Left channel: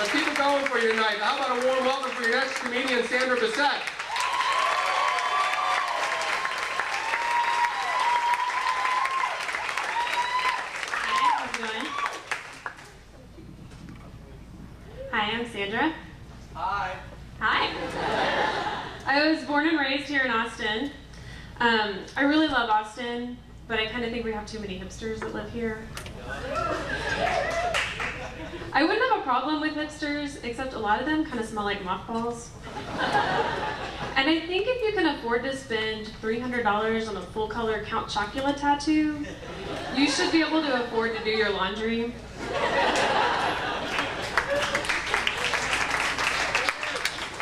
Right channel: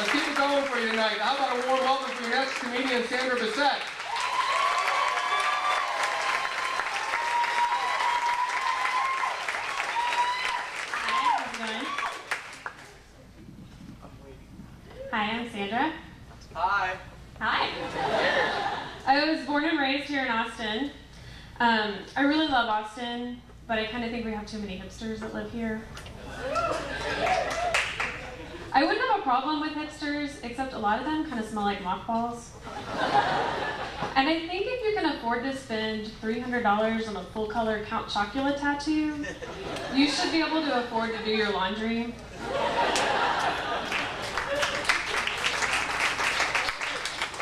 Let's keep it going for you tonight. How about a warm welcome for your next comedian, Sandra Bissett. Hi, I'm Sandra. Hi. Hi. I was born and raised here in Austin. I really love Austin, but I kind of think we have too many hipsters that live here. I wouldn't have a problem with hipsters, except a lot of them kind of smell like mothballs. And I think if you can afford to spend $300 on a full-color Count Chocula tattoo, you should be able to afford to do your laundry.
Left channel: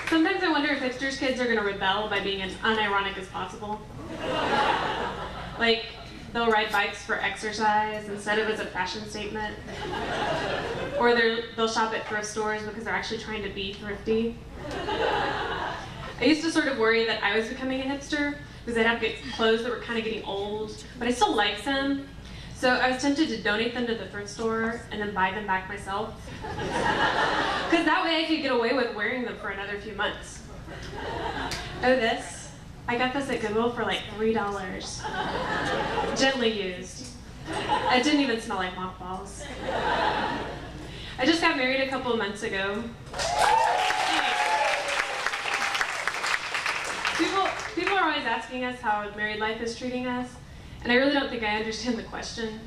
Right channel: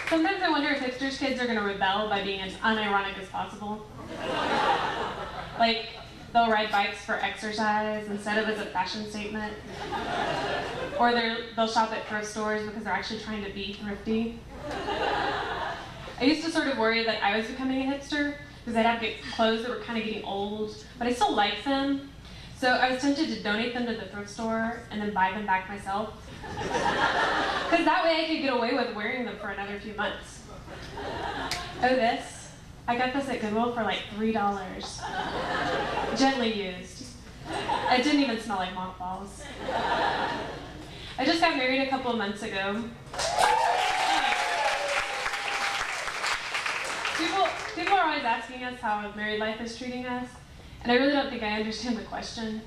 Sometimes I wonder if hipsters' kids are going to rebel by being as unironic as possible. Like, they'll ride bikes for exercise instead of as a fashion statement. Or they'll shop at thrift stores because they're actually trying to be thrifty. I used to sort of worry that I was becoming a hipster because I'd have to get clothes that were kind of getting old, but I still like them. So I was tempted to donate them to the thrift store and then buy them back myself. Because that way I could get away with wearing them for another few months. Oh, this. I got this at Goodwill for like $3. Gently used. It didn't even smell like mothballs. I just got married a couple of months ago. People are always asking us how married life is treating us, and I really don't think I understand the question.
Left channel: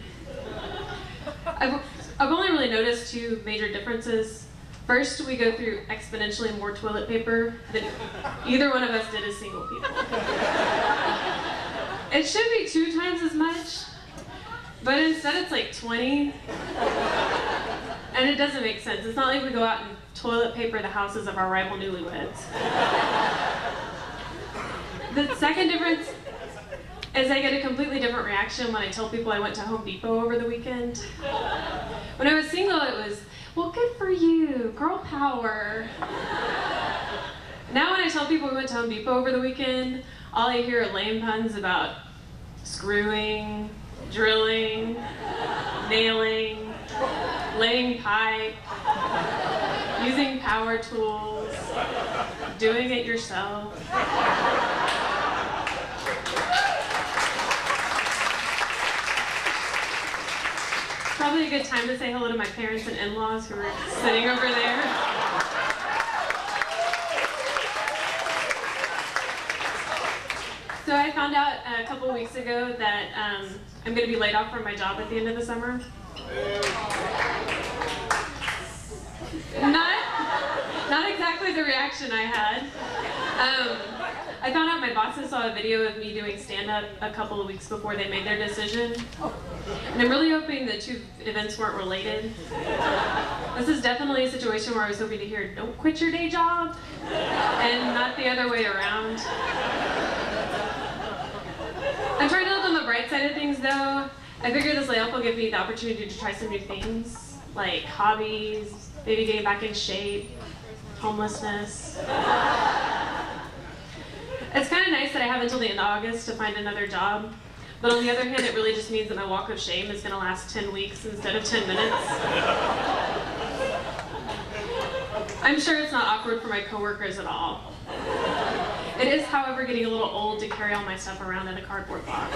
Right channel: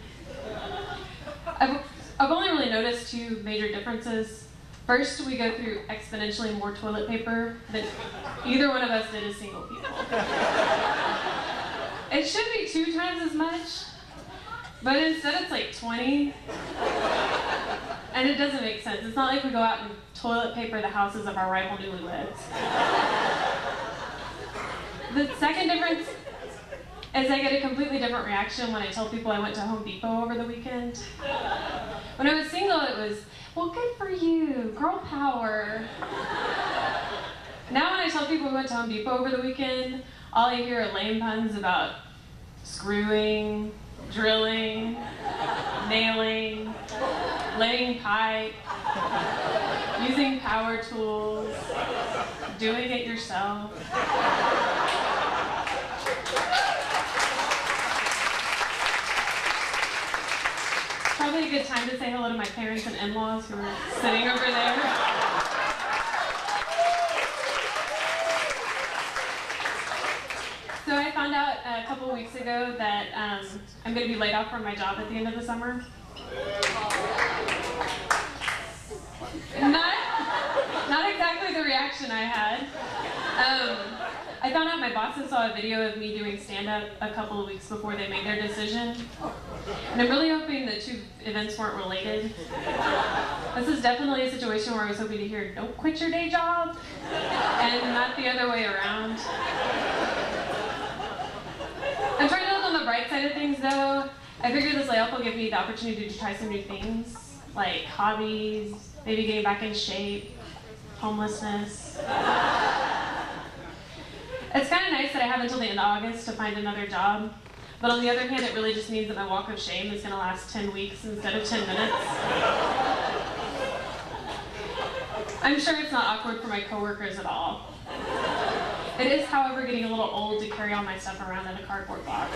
I've only really noticed two major differences. First, we go through exponentially more toilet paper than either one of us did as single people. It should be 2 times as much, but instead it's like 20. And it doesn't make sense. It's not like we go out and toilet paper the houses of our rival newlyweds. The second difference is I get a completely different reaction when I tell people I went to Home Depot over the weekend. When I was single, it was, well, good for you, girl power. Now when I tell people we went to Home Depot over the weekend, all I hear are lame puns about screwing, drilling, nailing, laying pipe, using power tools, doing it yourself. Probably a good time to say hello to my parents and in-laws who are sitting over there. So I found out a couple of weeks ago that I'm going to be laid off from my job at the end of the summer. Not exactly the reaction I had. I found out my bosses saw a video of me doing stand-up a couple of weeks before they made their decision. And I'm really hoping the two events weren't related. This is definitely a situation where I was hoping to hear, don't quit your day job, and not the other way around. I'm trying to look on the bright side of things though. I figure this layoff will give me the opportunity to try some new things, like hobbies, maybe getting back in shape, homelessness. It's kind of nice that I have until the end of August to find another job, but on the other hand, it really just means that my walk of shame is going to last 10 weeks instead of 10 minutes. I'm sure it's not awkward for my coworkers at all. It is, however, getting a little old to carry all my stuff around in a cardboard box.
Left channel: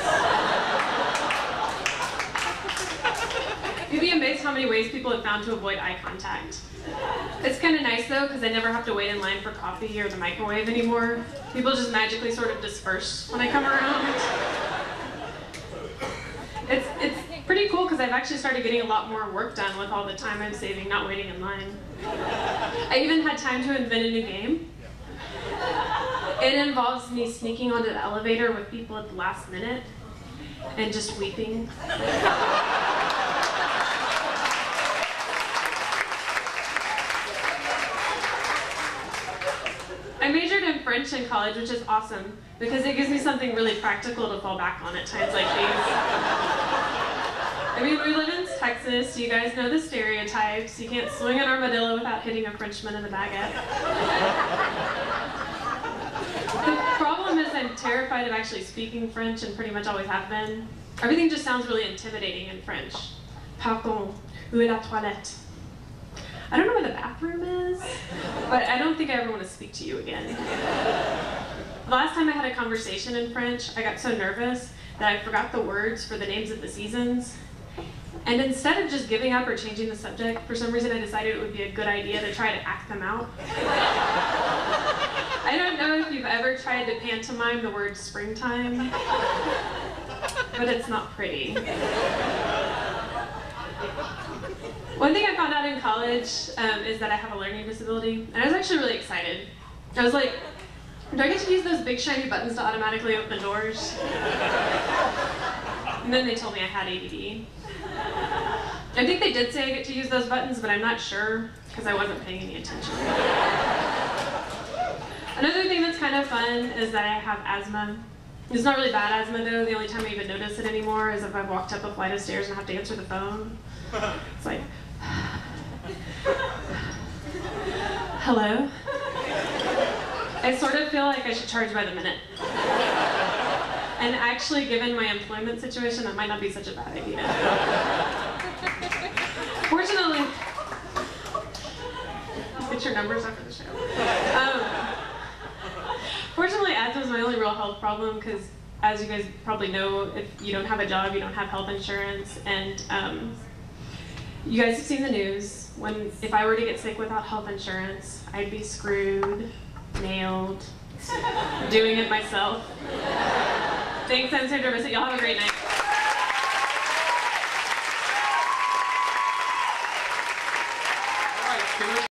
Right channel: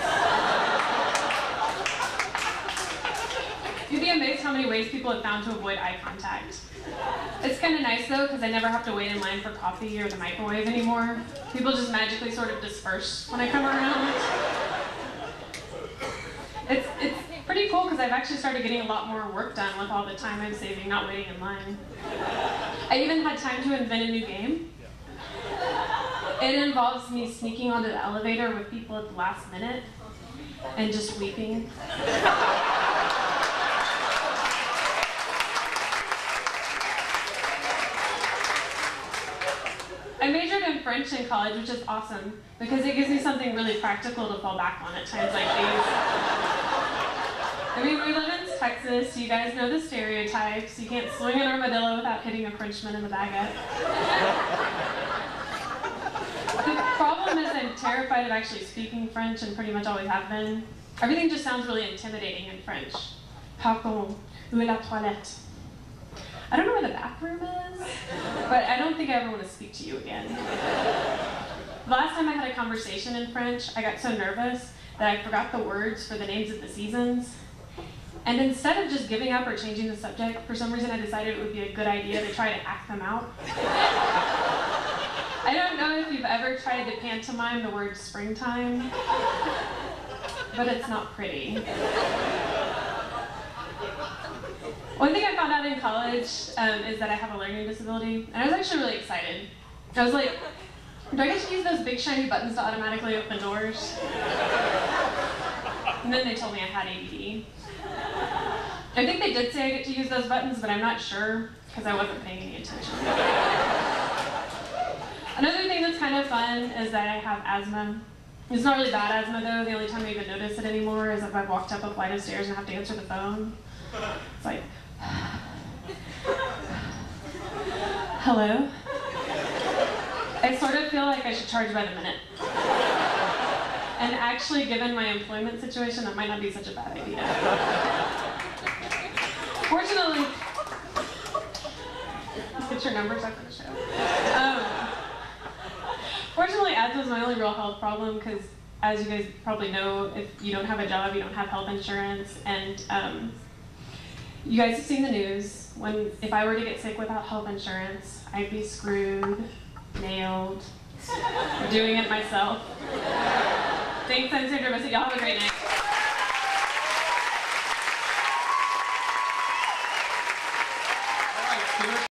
You'd be amazed how many ways people have found to avoid eye contact. It's kind of nice though, because I never have to wait in line for coffee or the microwave anymore. People just magically sort of disperse when I come around. It's pretty cool because I've actually started getting a lot more work done with all the time I'm saving not waiting in line. I even had time to invent a new game. It involves me sneaking onto the elevator with people at the last minute and just weeping. I majored in French in college, which is awesome, because it gives me something really practical to fall back on at times like these. I mean, we live in Texas, you guys know the stereotypes. You can't swing an armadillo without hitting a Frenchman in the baguette. The problem is I'm terrified of actually speaking French and pretty much always have been. Everything just sounds really intimidating in French. Pardon, où est la toilette? I don't know where the bathroom is, but I don't think I ever want to speak to you again. The last time I had a conversation in French, I got so nervous that I forgot the words for the names of the seasons. And instead of just giving up or changing the subject, for some reason I decided it would be a good idea to try to act them out. I don't know if you've ever tried to pantomime the word springtime, but it's not pretty. One thing I found out in college is that I have a learning disability, and I was actually really excited. I was like, do I get to use those big shiny buttons to automatically open doors? And then they told me I had ADD. I think they did say I get to use those buttons, but I'm not sure because I wasn't paying any attention. Another thing that's kind of fun is that I have asthma. It's not really bad asthma though. The only time I even notice it anymore is if I've walked up a flight of stairs and have to answer the phone. It's like, hello? I sort of feel like I should charge by the minute. And actually, given my employment situation, that might not be such a bad idea. Fortunately, let's get your numbers after the show. Fortunately, asthma is my only real health problem because, as you guys probably know, if you don't have a job, you don't have health insurance, and you guys have seen the news. If I were to get sick without health insurance, I'd be screwed, nailed, doing it myself. Thanks, I'm Sandra Bissett. Y'all have a great night.